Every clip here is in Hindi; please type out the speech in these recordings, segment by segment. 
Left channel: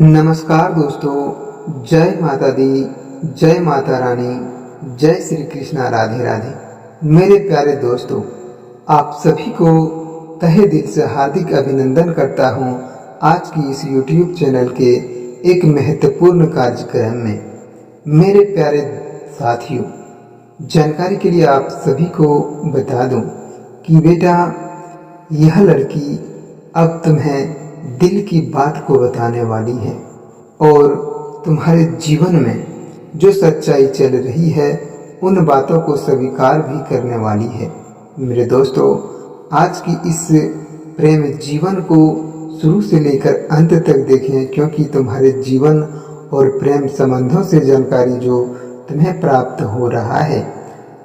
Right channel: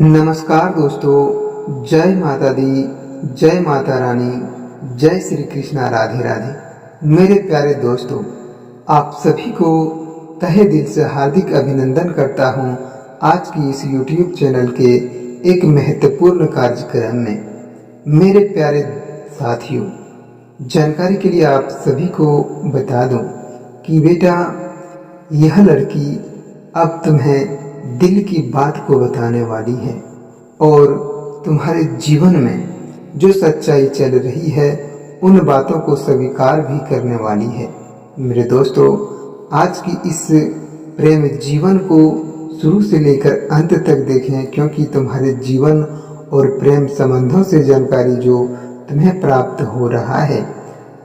नमस्कार दोस्तों, जय माता दी, जय माता रानी, जय श्री कृष्णा, राधे राधे। मेरे प्यारे दोस्तों, आप सभी को तहे दिल से हार्दिक अभिनंदन करता हूं आज की इस YouTube चैनल के एक महत्वपूर्ण कार्यक्रम में। मेरे प्यारे साथियों, जानकारी के लिए आप सभी को बता दूं कि बेटा, यह लड़की अब तुम्हें दिल की बात को बताने वाली है और तुम्हारे जीवन में जो सच्चाई चल रही है उन बातों को स्वीकार भी करने वाली है। मेरे दोस्तों, आज की इस प्रेम जीवन को शुरू से लेकर अंत तक देखें, क्योंकि तुम्हारे जीवन और प्रेम संबंधों से जानकारी जो तुम्हें प्राप्त हो रहा है,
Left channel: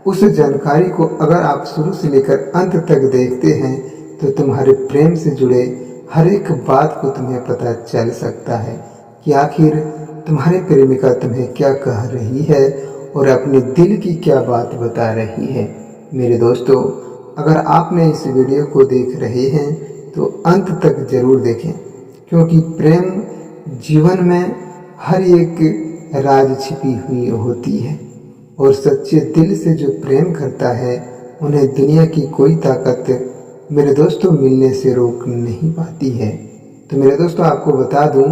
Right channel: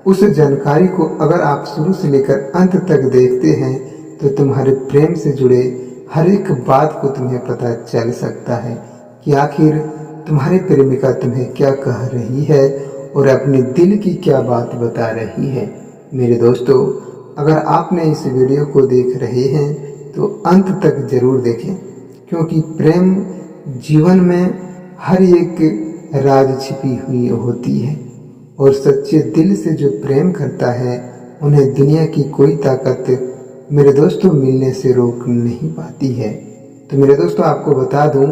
उस जानकारी को अगर आप शुरू से लेकर अंत तक देखते हैं तो तुम्हारे प्रेम से जुड़े हर एक बात को तुम्हें पता चल सकता है कि आखिर तुम्हारी प्रेमिका तुम्हें क्या कह रही है और अपने दिल की क्या बात बता रही है। मेरे दोस्तों, अगर आपने इस वीडियो को देख रहे हैं तो अंत तक ज़रूर देखें, क्योंकि प्रेम जीवन में हर एक राज छिपी हुई होती है और सच्चे दिल से जो प्रेम करता है उन्हें दुनिया की कोई ताकत मेरे दोस्तों मिलने से रोक नहीं पाती है। तो मेरे दोस्तों, आपको बता दूं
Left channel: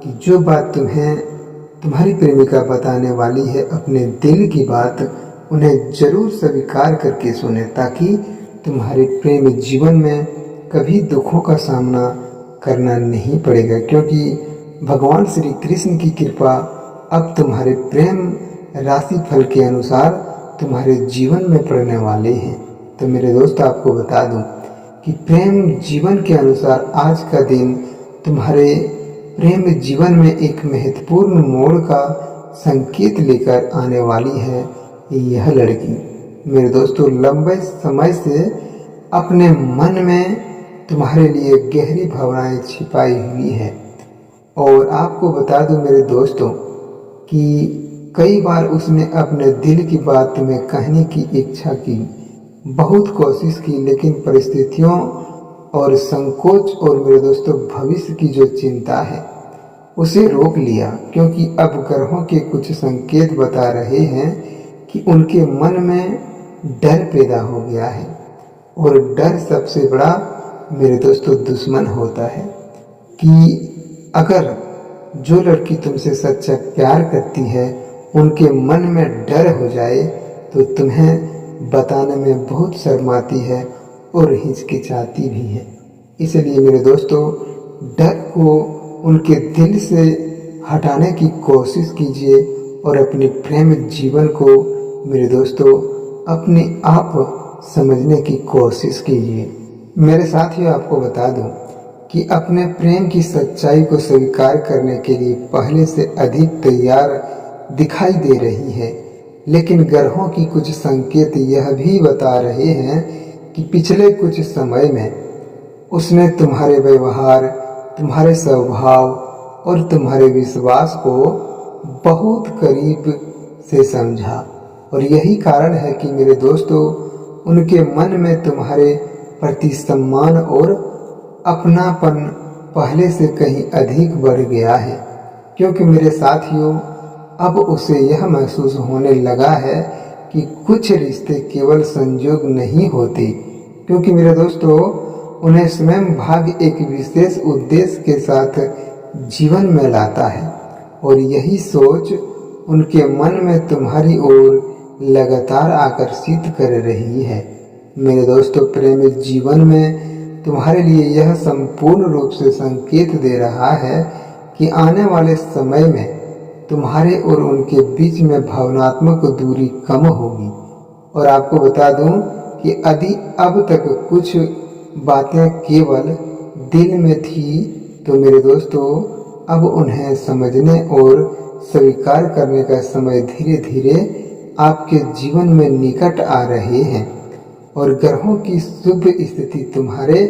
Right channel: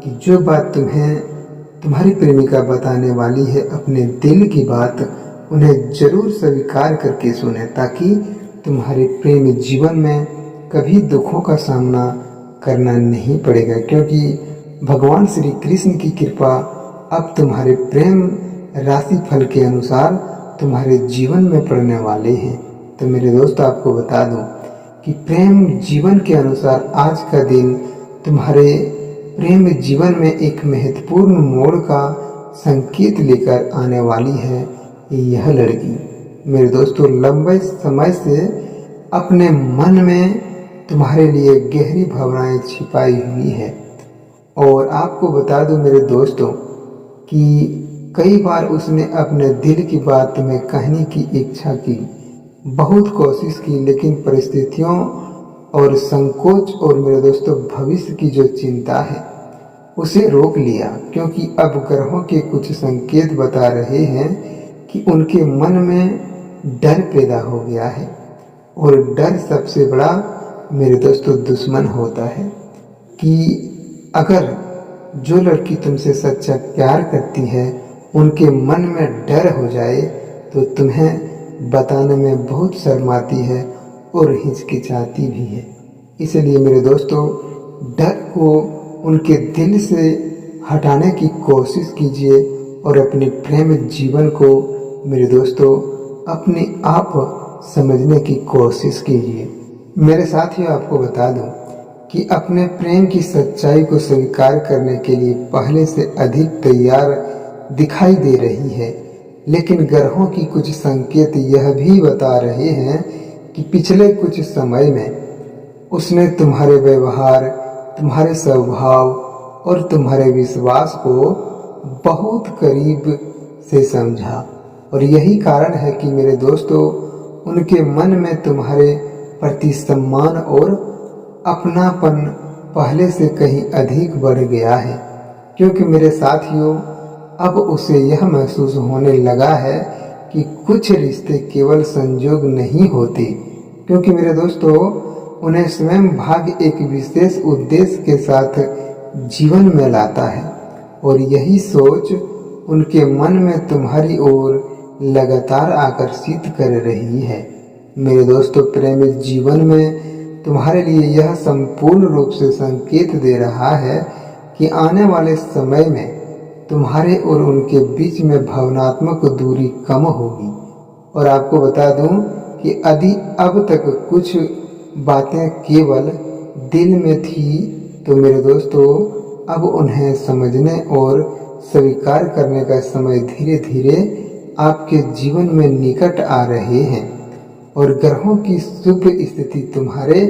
कि जो बात तुम्हें तुम्हारी प्रेमिका बताने वाली है, अपने दिल की बात, उन्हें ज़रूर स्वीकार करके सुने, ताकि तुम्हारे प्रेम जीवन में कभी दुखों का सामना करना नहीं पड़ेगा, क्योंकि भगवान श्री कृष्ण की कृपा अब तुम्हारे प्रेम राशि फल के अनुसार तुम्हारे जीवन में पड़ने वाले हैं। तो मेरे दोस्त, आपको बता दूं कि प्रेम जीवन के अनुसार आज का दिन तुम्हारे प्रेम जीवन में एक महत्वपूर्ण मोड़ का संकेत लेकर आने वाली है। यह लड़की मेरे दोस्तों लंबे समय से अपने मन में तुम्हारे लिए गहरी भावनाएं छिपाई हुई है और आपको बता दूं मेरे दोस्तों कि कई बार उसने अपने दिल की बात तुम्हें कहने की इच्छा की, बहुत कोशिश की, लेकिन परिस्थितियों और संकोच और मेरे दोस्तों भविष्य की जो चिंता है उसे रोक लिया, क्योंकि अब ग्रहों के कुछ संकेत बता रहे हैं कि उनके मन में डर पैदा हो गया है और डर सबसे बड़ा मेरे दोस्तों दुश्मन होता है। कि अगर जो लड़की तुमसे सच्चा प्यार करती है उनके मन में डर हो जाए तो तुम्हें बताने में बहुत शर्माती है और हिचकिचाती भी है। इसलिए मेरे दोस्तों, डर को उनके दिल से हटाने की कोशिश कीजिए और अपने प्रेम जीवन को मेरे दोस्तों अपने आप समझने की कोशिश कीजिए। मेरे साथियों, आपको बता दूं कि अपने प्रेम की सच्चाई को स्वीकार करने के लिए पहले से अधिक तैयार दिखाई दे रही है, लेकिन ग्रहों की कुछ संकेत यह भी बता रहे हैं कि पिछले कुछ समय में उसने तुम्हारे व्यवहार, तुम्हारे स्वभाव और तुम्हारे विश्वास को बहुत करीब से समझा और यही कारण है कि मेरे दोस्तों उनके मन में तुम्हारे प्रति सम्मान और अपनापन पहले से कहीं अधिक बढ़ गया है। क्योंकि मेरे साथियों, अब उसे यह महसूस होने लगा है कि कुछ रिश्ते केवल संजोग नहीं होते, क्योंकि मेरे दोस्तों उन्हें स्वयं भाग्य एक विशेष उद्देश्य के साथ जीवन में लाता है और यही सोच उनके मन में तुम्हारी ओर लगातार आकर्षित कर रही है। मेरे दोस्तों, प्रेम जीवन में तुम्हारे लिए यह संपूर्ण रूप से संकेत दे रहा है कि आने वाले समय में तुम्हारे और उनके बीच में भावनात्मक दूरी कम होगी। और आपको बता दूं कि यदि अब तक कुछ बातें केवल दिल में थी तो मेरे दोस्तों अब उन्हें समझने और स्वीकार करने का समय धीरे धीरे आपके जीवन में निकट आ रहे हैं और ग्रहों की शुभ स्थिति तुम्हारे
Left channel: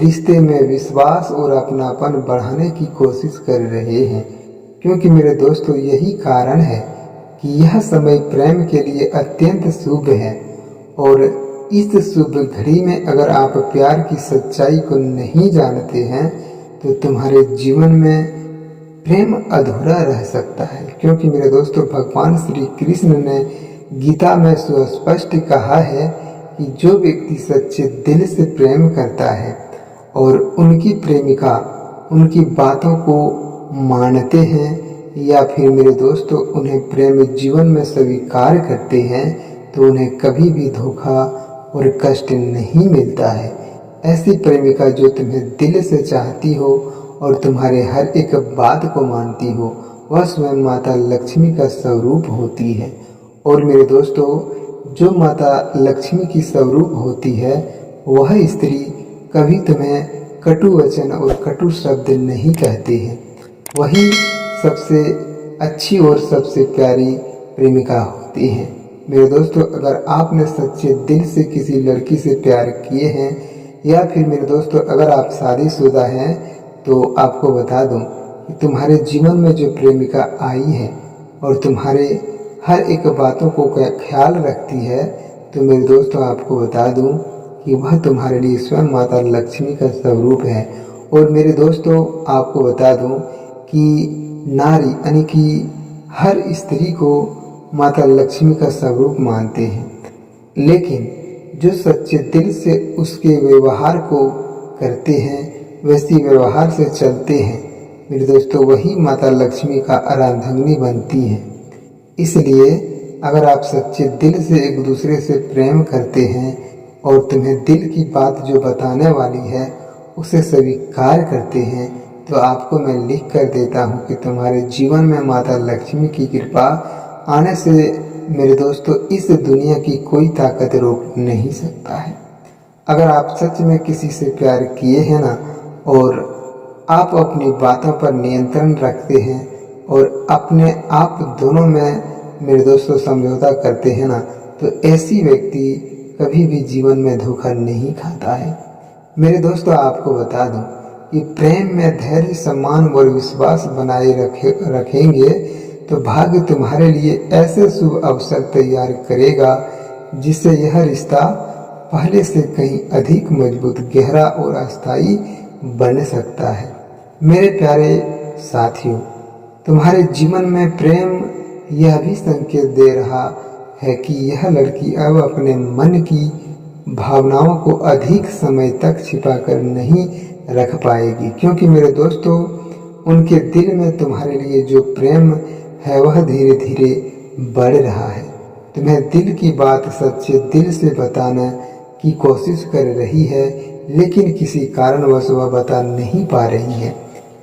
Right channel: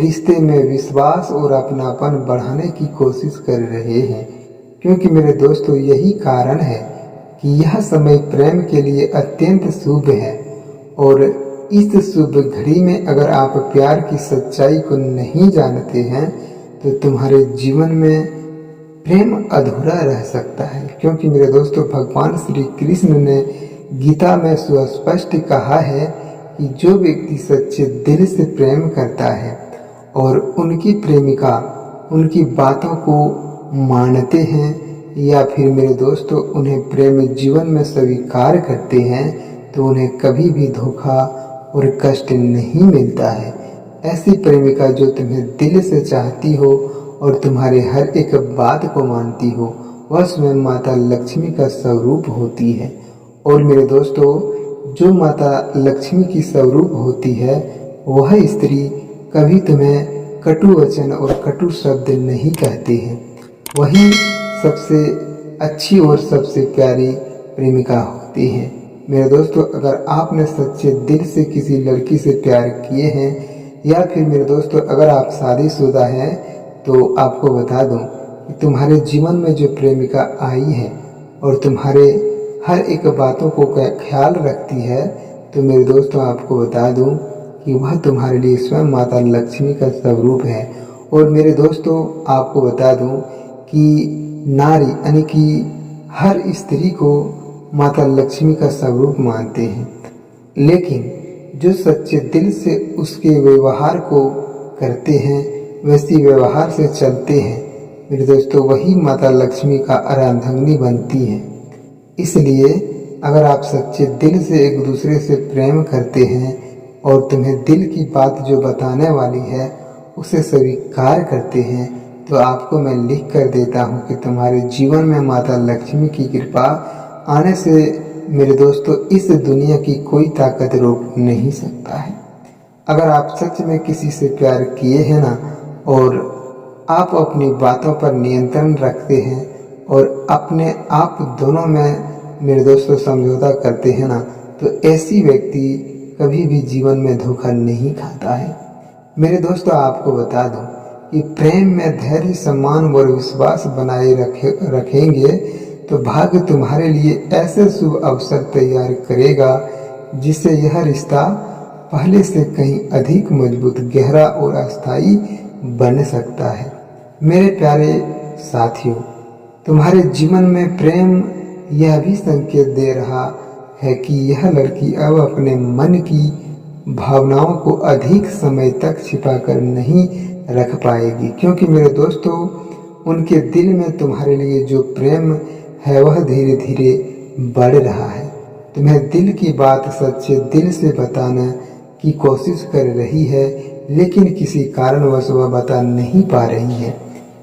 रिश्ते में विश्वास और अपनापन बढ़ाने की कोशिश कर रहे हैं। क्योंकि मेरे दोस्तों यही कारण है कि यह समय प्रेम के लिए अत्यंत शुभ है और इस शुभ घड़ी में अगर आप प्यार की सच्चाई को नहीं जानते हैं तो तुम्हारे जीवन में प्रेम अधूरा रह सकता है। क्योंकि मेरे दोस्तों, भगवान श्री कृष्ण ने गीता में सुस्पष्ट कहा है कि जो व्यक्ति सच्चे दिल से प्रेम करता है और उनकी प्रेमिका उनकी बातों को मानते हैं या फिर मेरे दोस्तों उन्हें प्रेम जीवन में स्वीकार करते हैं, तो उन्हें कभी भी धोखा और कष्ट नहीं मिलता है। ऐसी प्रेमिका जो तुम्हें दिल से चाहती हो और तुम्हारे हर एक बात को मानती हो, वह स्वयं माता लक्ष्मी का स्वरूप होती है। और मेरे दोस्तों, जो माता लक्ष्मी की स्वरूप होती है, वह स्त्री कभी तुम्हें कटु वचन और कटु शब्द नहीं कहती है। वही सबसे अच्छी और सबसे प्यारी प्रेमिका होती है। मेरे दोस्तों, अगर आपने सच्चे दिल से किसी लड़की से प्यार किए हैं या फिर मेरे दोस्तों अगर आप शादीशुदा हैं, तो आपको बता दूं कि तुम्हारे जीवन में जो प्रेमिका आई है और तुम्हारे हर एक बातों को ख्याल रखती है, तो मेरे दोस्तों आपको बता दूं कि वह तुम्हारे लिए स्वयं माता लक्ष्मी का स्वरूप है। और मेरे दोस्तों आपको बता दूं कि नारी यानी कि हर स्त्री को माता लक्ष्मी का स्वरूप मानते हैं, लेकिन जो सच्चे दिल से उसके व्यवहार को करते हैं, वैसी व्यवहार से चलते हैं, मेरे दोस्तों वही माता लक्ष्मी का अर्धांगिनी बनती है। इसलिए अगर आप सच्चे दिल से एक दूसरे से प्रेम करते हैं और तुम्हें दिल की बात जो बताने वाली है उसे स्वीकार करते हैं, तो आपको मैं लिख कर देता हूँ कि तुम्हारे जीवन में माता लक्ष्मी की कृपा आने से मेरे दोस्तों इस दुनिया की कोई ताकत रोक नहीं सकता है। अगर आप सच में किसी से प्यार किए हैं ना, और आप अपनी बातों पर नियंत्रण रखते हैं और अपने आप दोनों में मेरे दोस्तों समझौता करते हैं ना, तो ऐसी व्यक्ति कभी भी जीवन में धोखा नहीं खाता है। मेरे दोस्तों आपको बता दूं कि प्रेम में धैर्य, सम्मान और विश्वास बनाए रखेंगे तो भाग्य तुम्हारे लिए ऐसे शुभ अवसर तैयार करेगा जिससे यह रिश्ता पहले से कहीं अधिक मजबूत, गहरा और अस्थायी बन सकता है। मेरे प्यारे साथियों, तुम्हारे जीवन में प्रेम यह भी संकेत दे रहा है कि यह लड़की अब अपने मन की भावनाओं को अधिक समय तक छिपाकर नहीं रख पाएगी, क्योंकि मेरे दोस्तों उनके दिल में तुम्हारे लिए जो प्रेम है वह धीरे धीरे बढ़ रहा है। तुम्हें दिल की बात सच्चे दिल से बताने की कोशिश कर रही है, लेकिन किसी कारणवश वह बता नहीं पा रही है,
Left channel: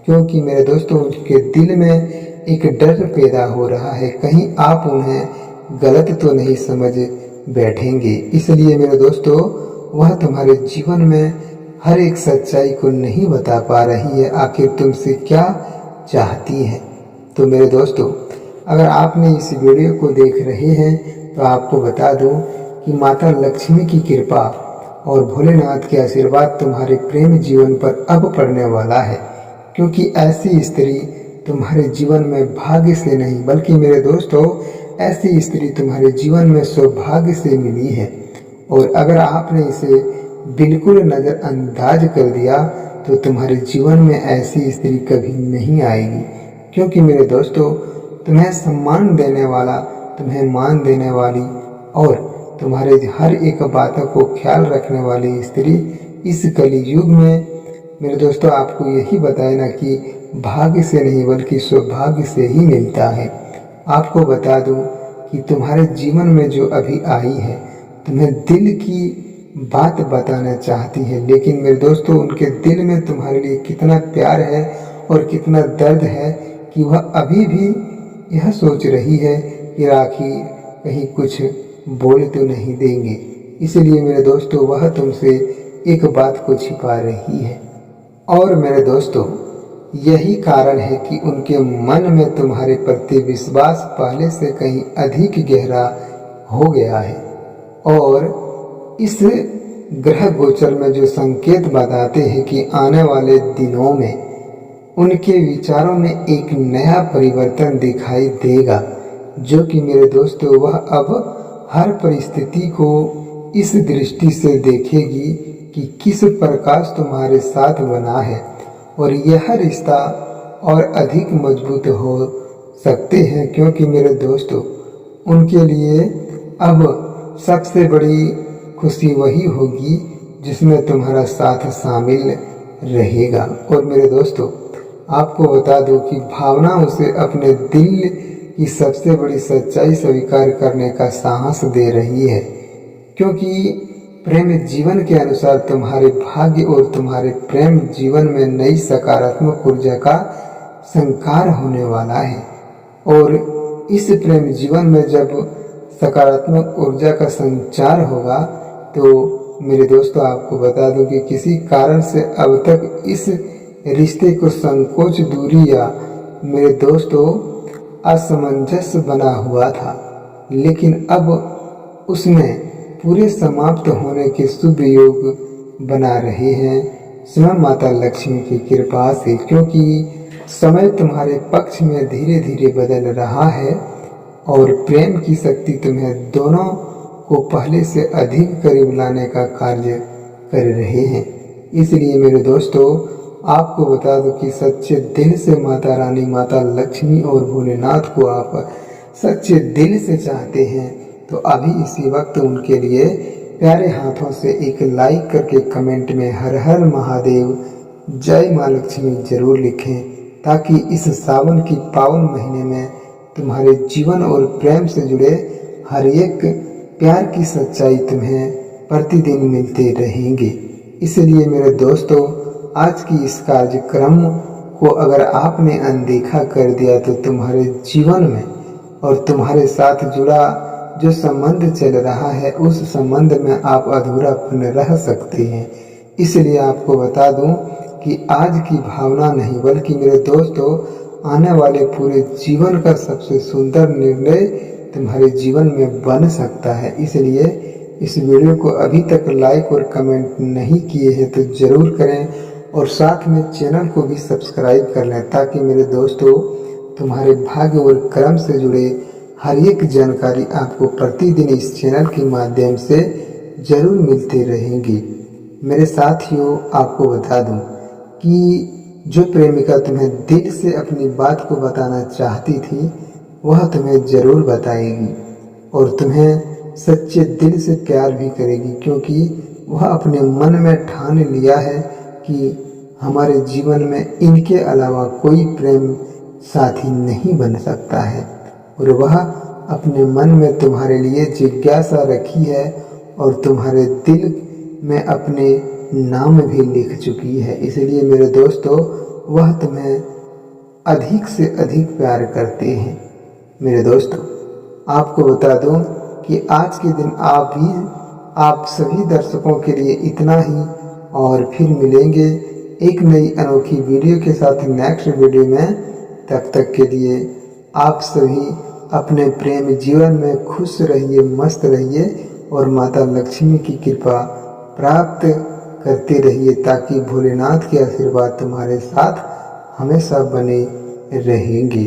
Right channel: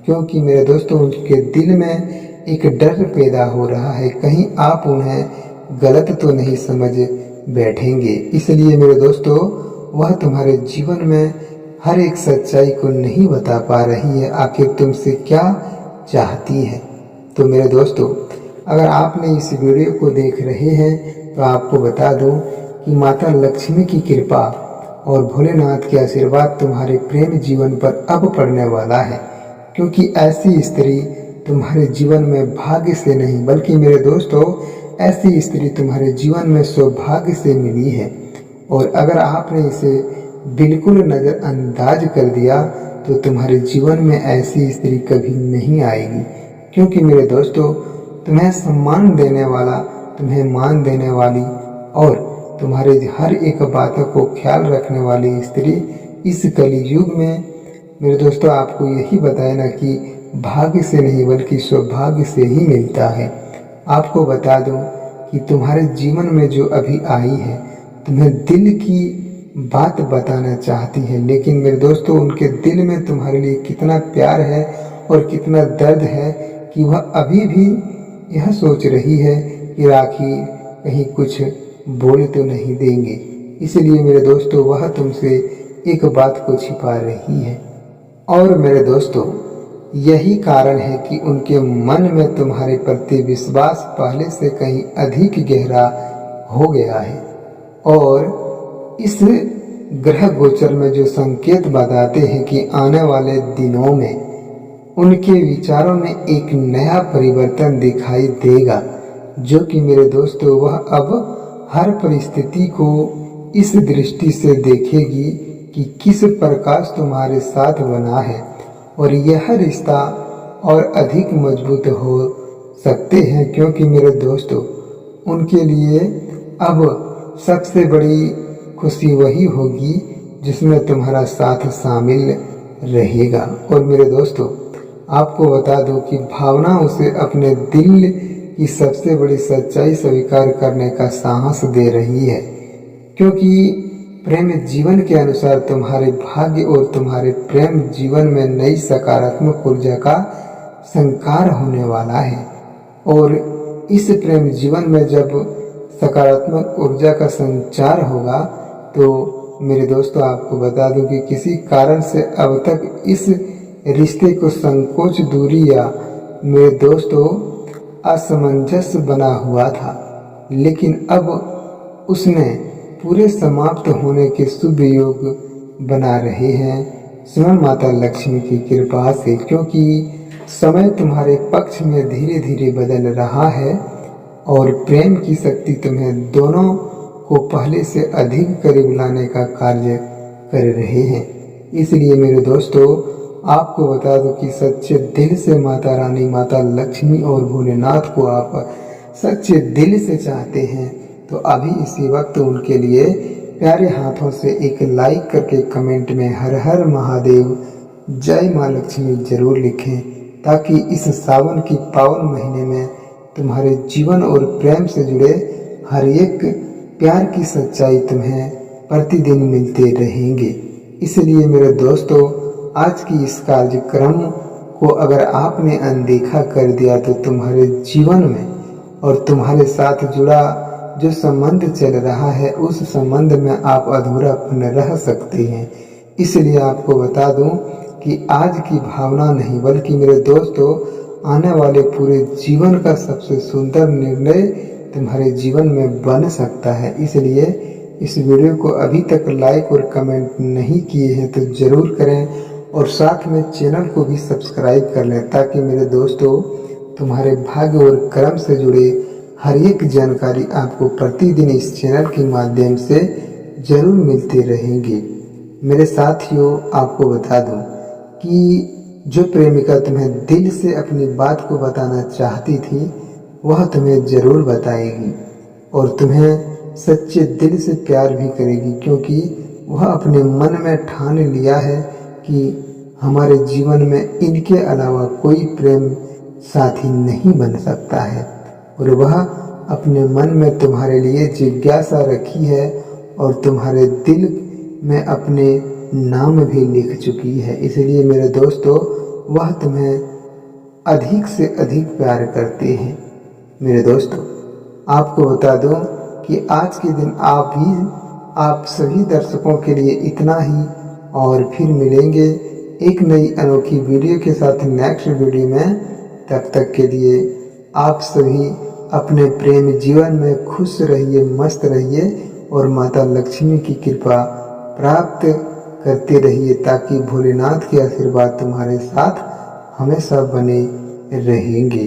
क्योंकि मेरे दोस्तों उनके दिल में एक डर पैदा हो रहा है, कहीं आप उन्हें गलत तो नहीं समझ बैठेंगे। इसलिए मेरे दोस्तों वह तुम्हारे जीवन में हर एक सच्चाई को नहीं बता पा रही है, आखिर तुमसे क्या चाहती है। तो मेरे दोस्तों, अगर आपने इस वीडियो को देख रहे हैं तो आपको बता दूं कि माता लक्ष्मी की कृपा और भोलेनाथ के आशीर्वाद तुम्हारे प्रेम जीवन पर अब पड़ने वाला है, क्योंकि ऐसी स्त्री तुम्हारे जीवन में भाग्य से नहीं बल्कि मेरे दोस्तों ऐसी स्त्री तुम्हारे जीवन में सौभाग्य से मिली है। और अगर आपने इसे बिल्कुल नज़रअंदाज कर दिया तो तुम्हारे जीवन में ऐसी स्त्री कभी नहीं आएगी, क्योंकि मेरे दोस्तों तुम्हें सम्मान देने वाला, तुम्हें मान देने वाली और तुम्हारे हर एक बातों को ख्याल रखने वाली स्त्री इस कलयुग में मेरे दोस्तों आपको यही बताए ना कि भाग्य से नहीं बल्कि सौभाग्य से ही मिलता है। आपको बता दूं कि तुम्हारे जीवन में जो अभी आई है तुम्हें दिल की बात बताना चाहती है, लेकिन मेरे दोस्तों उनके दिल में तुम्हारे लिए कितना प्यार है और कितना दर्द है कि वह अभी भी यह सोच रही है कि राखी कहीं कुछ बोल तो नहीं देंगे। इसलिए मेरे दोस्तों वह तुमसे एक बात को छिपा रही है। और मेरे दोस्तों यही कारण है कि उनके मन में तुम्हारे प्रति विश्वास पहले से कहीं अधिक गहरा हो गया है। और इस ग्रह गोचर में जो संकेत बताते हैं कि आने वाले दिनों में उनके विचारों में एक नया परिवर्तन दिखाई देगा, जो कि मेरे दोस्तों वह अब हर परिस्थिति को इस दृष्टि से देखेगी कि किस प्रकाश तुम्हारे साथ बना है और यह रिश्ता और अधिक मजबूत हो सकते हैं, क्योंकि मेरे दोस्तों उनके लिए अब सबसे बड़ी खुशी वही होगी जिसमें तुम्हारा साथ शामिल रहेगा। और मेरे दोस्तों आपको बता दूं कि भावना उसे अपने दिल की सबसे बड़ी सच्चाई स्वीकार करने का साहस दे रही है, क्योंकि प्रेम जीवन के अनुसार तुम्हारे भाग्य और तुम्हारे प्रेम जीवन में नई सकारात्मक ऊर्जा का संचार होने वाला है। और इस प्रेम जीवन में जब सकारात्मक ऊर्जा का संचार होगा तो मेरे दोस्तों आपको बता दूं कि किसी कारण से अब तक इस रिश्ते को संकोच, दूरी या मेरे दोस्तों असमंजस बना हुआ था, लेकिन अब उसमें पूरे समाप्त होने के शुभ योग बना रहे हैं स्वयं माता लक्ष्मी की कृपा से, क्योंकि समय तुम्हारे पक्ष में धीरे धीरे बदल रहा है और प्रेम की शक्ति तुम्हें दोनों को पहले से अधिक करीब लाने का कार्य कर रहे हैं। इसलिए मेरे दोस्तों आपको बता दो कि सच्चे दिल से माता रानी, माता लक्ष्मी और भोलेनाथ को आप सच्चे दिल से चाहते हैं तो अभी इसी वक्त उनके लिए प्यारे हाथों से एक लाइक करके कमेंट में हर हर महादेव जय माँ लक्ष्मी जरूर लिखें, ताकि इस सावन की पावन महीने में तुम्हारे जीवन और प्रेम से जुड़े हर एक प्यार की सच्चाई तुम्हें प्रतिदिन मिलते रहेंगे। इसलिए मेरे दोस्तों आज की इस कार्यक्रम को अगर आपने अनदेखा कर दिया तो तुम्हारे जीवन में और तुम्हारे साथ जुड़ा जो संबंध चल रहा है उस संबंध में आप अधूरापन रह सकते हैं। इसलिए आपको बता दूं कि आज की भावना नहीं बल्कि मेरे दोस्तों आने वाले पूरे जीवन का सबसे सुंदर निर्णय तुम्हारे जीवन में बन सकता है। इसलिए इस वीडियो को अभी तक लाइक और कमेंट नहीं किए हैं तो ज़रूर करें और साथ में चैनल को भी सब्सक्राइब कर लें, ताकि मेरे दोस्तों तुम्हारे भाग्य और कर्म से जुड़े हर एक जानकारी आपको प्रतिदिन इस चैनल के माध्यम से ज़रूर मिलते रहेंगी। मेरे साथियों आपको बता दूं कि जो प्रेमिका तुम्हें दिल से अपनी बात को बताना चाहती थी वह तुम्हें ज़रूर बताएगी और तुम्हें सच्चे दिल से प्यार भी करेगी, क्योंकि वह अपने मन में ठान लिया है कि हमारे जीवन में इनके अलावा कोई प्रेम साथी नहीं बन सकता है। और वह अपने मन में तुम्हारे लिए जिज्ञासा रखी है और तुम्हारे दिल में अपने नाम भी लिख चुकी है। इसलिए मेरे दोस्तों वह तुम्हें अधिक से अधिक प्यार करते हैं। मेरे दोस्तों आपको बता दूं कि आज के दिन आप सभी दर्शकों के लिए इतना ही, और फिर मिलेंगे एक नई अनोखी वीडियो के साथ नेक्स्ट वीडियो में। तब तक के लिए आप सभी अपने प्रेम जीवन में खुश रहिए, मस्त रहिए और माता लक्ष्मी की कृपा प्राप्त करते रहिए, ताकि भोलेनाथ के आशीर्वाद तुम्हारे साथ हमेशा बने रहेंगे।